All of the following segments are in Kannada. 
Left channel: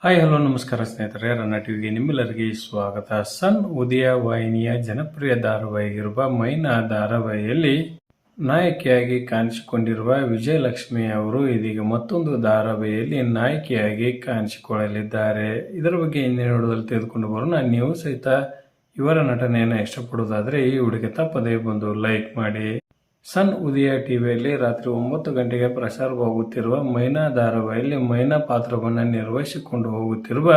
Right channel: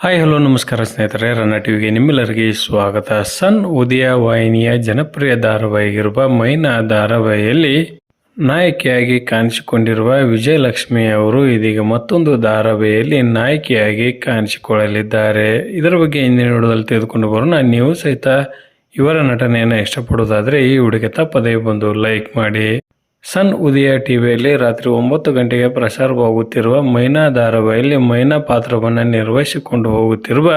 ಹಾಯ್ ಹಲೋ ನಮಸ್ಕಾರ ಸ್ನೇಹಿತರೆ, ರನ್ನ ಟಿವಿಗೆ ನಿಮ್ಮೆಲ್ಲರಿಗೆ ಸ್ವಾಗತ. ಸನ್ ಉದಯ ವಾಹಿನಿಯ ಜನಪ್ರಿಯ ಧಾರಾವಾಹಿಗಿರುವ ಮೈನಾ ಧಾರಾವಾಹಿಯಲ್ಲಿ ನಾಯಕಿಯಾಗಿ ಕಾಣಿಸಿಕೊಂಡಿರುವ ವಿಜಯಲಕ್ಷ್ಮಿ ಅವರು ಇದೀಗ ಮತ್ತೊಂದು ಧಾರಾವಾಹಿಯಲ್ಲಿ ನಾಯಕಿಯಾಗಿ ಕಾಣಿಸಿಕೊಳ್ಳಲಿದ್ದಾರೆ. ಇದರ ಬಗ್ಗೆ ಹಿಂದಿನ ವಿಡಿಯೋದಲ್ಲಿ ತೆಗೆದುಕೊಂಡು ಬರೋಣ. ನೀವು ಸಹಿತ ಇವರ ನಟನೆಯನ್ನು ಇಷ್ಟಪಡೋದಾದರೆ ಈ ವಿಡಿಯೋಗೆ ತಪ್ಪದೇ ಬಂದು ಲೈಕ್ ಮಾಡಿ. ಸನ್ ಉದಯ ಟಿವಿಯಲ್ಲಿ ರಾತ್ರಿ 9 ಗಂಟೆಗೆ ಪ್ರಸಾರವಾಗುತ್ತಿರುವ ಮೈನಾ ಧಾರಾವಾಹಿಯಲ್ಲಿ ಮೈನಾ ಪಾತ್ರವನ್ನು ನಿರ್ವಹಿಸಿಕೊಂಡು ಹೋಗುತ್ತಿರುವ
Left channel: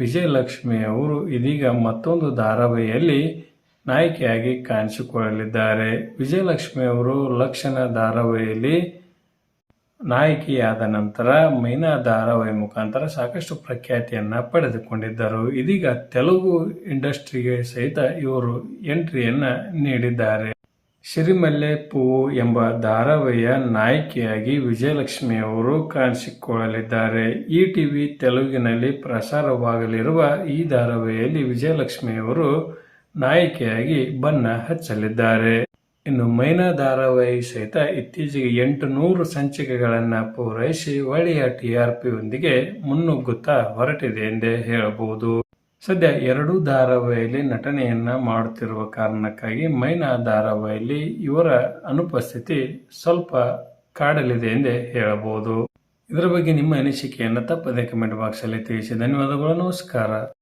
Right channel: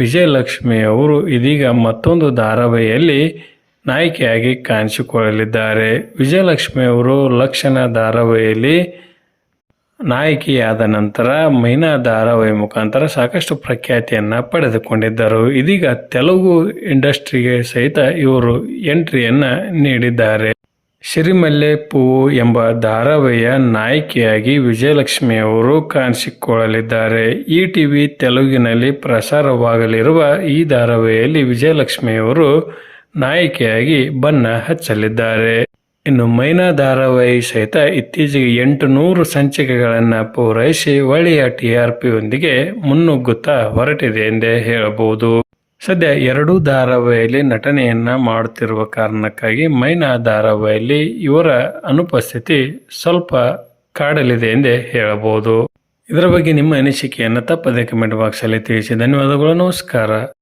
ವಿಜಯಲಕ್ಷ್ಮಿ ಅವರು ಇದೀಗ ಮತ್ತೊಂದು ಧಾರಾವಾಹಿಯಲ್ಲಿ ನಾಯಕಿಯಾಗಿ ಕಾಣಿಸಿಕೊಳ್ಳಲಿದ್ದಾರೆ. ವಿಜಯಲಕ್ಷ್ಮಿ ಅವರು ಲಕ್ಷಣ ಧಾರಾವಾಹಿಯಲ್ಲಿ ನಾಯಕಿಯಾದ ನಂತರ ಮೈನಾ ಧಾರಾವಾಹಿ ಮುಖಾಂತರ ಸಾಕಷ್ಟು ಪ್ರಖ್ಯಾತಿಯನ್ನು ಪಡೆದುಕೊಂಡಿದ್ದರು. ಇದೀಗ ತೆಲುಗು ಇಂಡಸ್ಟ್ರಿಗೆ ಸಹಿತ ಇವರು ಎಂಟ್ರಿಯನ್ನು ನೀಡಿದ್ದಾರೆ. ಸಿರಿಮಲ್ಲೆ ಪೂವು ಎಂಬ ಧಾರಾವಾಹಿಯ ನಾಯಕಿಯಾಗಿ ವಿಜಯಲಕ್ಷ್ಮಿ ಅವರು ಕಾಣಿಸಿಕೊಳ್ಳಲಿದ್ದಾರೆ. ಈ ಟಿವಿ ತೆಲುಗಿನಲ್ಲಿ ಪ್ರಸಾರವಾಗಲಿರುವ ಈ ಧಾರಾವಾಹಿಯಲ್ಲಿ ವಿಜಯಲಕ್ಷ್ಮಿ ಅವರು ನಾಯಕಿಯಾಗಿ ಬಣ್ಣ ಹಚ್ಚಲಿದ್ದಾರೆ. ಇನ್ನು ಮೈನಾ ಧಾರಾವಾಹಿ ಸಹಿತ ಇತ್ತೀಚೆಗೆ 800 ಸಂಚಿಕೆಗಳನ್ನು ಪೂರೈಸಿ ಒಳ್ಳೆಯ TRPಯೊಂದಿಗೆ ಮುನ್ನುಗ್ಗುತ್ತಾ ಹೊರಟಿದೆ ಎಂದೇ ಹೇಳಬಹುದು. ಸದ್ಯ ಎರಡೂ ಧಾರಾವಾಹಿಯಲ್ಲಿ ನಟನೆಯನ್ನ ಮಾಡುತ್ತಿರುವ ಕಾರಣಕ್ಕಾಗಿ ಮೈನಾ ಧಾರಾವಾಹಿಯಲ್ಲಿ ಇವರ ಅನುಪಸ್ಥಿತಿ ಸ್ವಲ್ಪ ಕಾಡಲಿದೆ ಎಂದೇ ಹೇಳಬಹುದು. ಇದರ ಬಗ್ಗೆ ನಿಮ್ಮ ಅನಿಸಿಕೆಯನ್ನು ತಪ್ಪದೇ ಕಮೆಂಟ್ ಬಾಕ್ಸಲ್ಲಿ ತಿಳಿಸಿ. ಧನ್ಯವಾದಗಳು. ನಮಸ್ಕಾರ.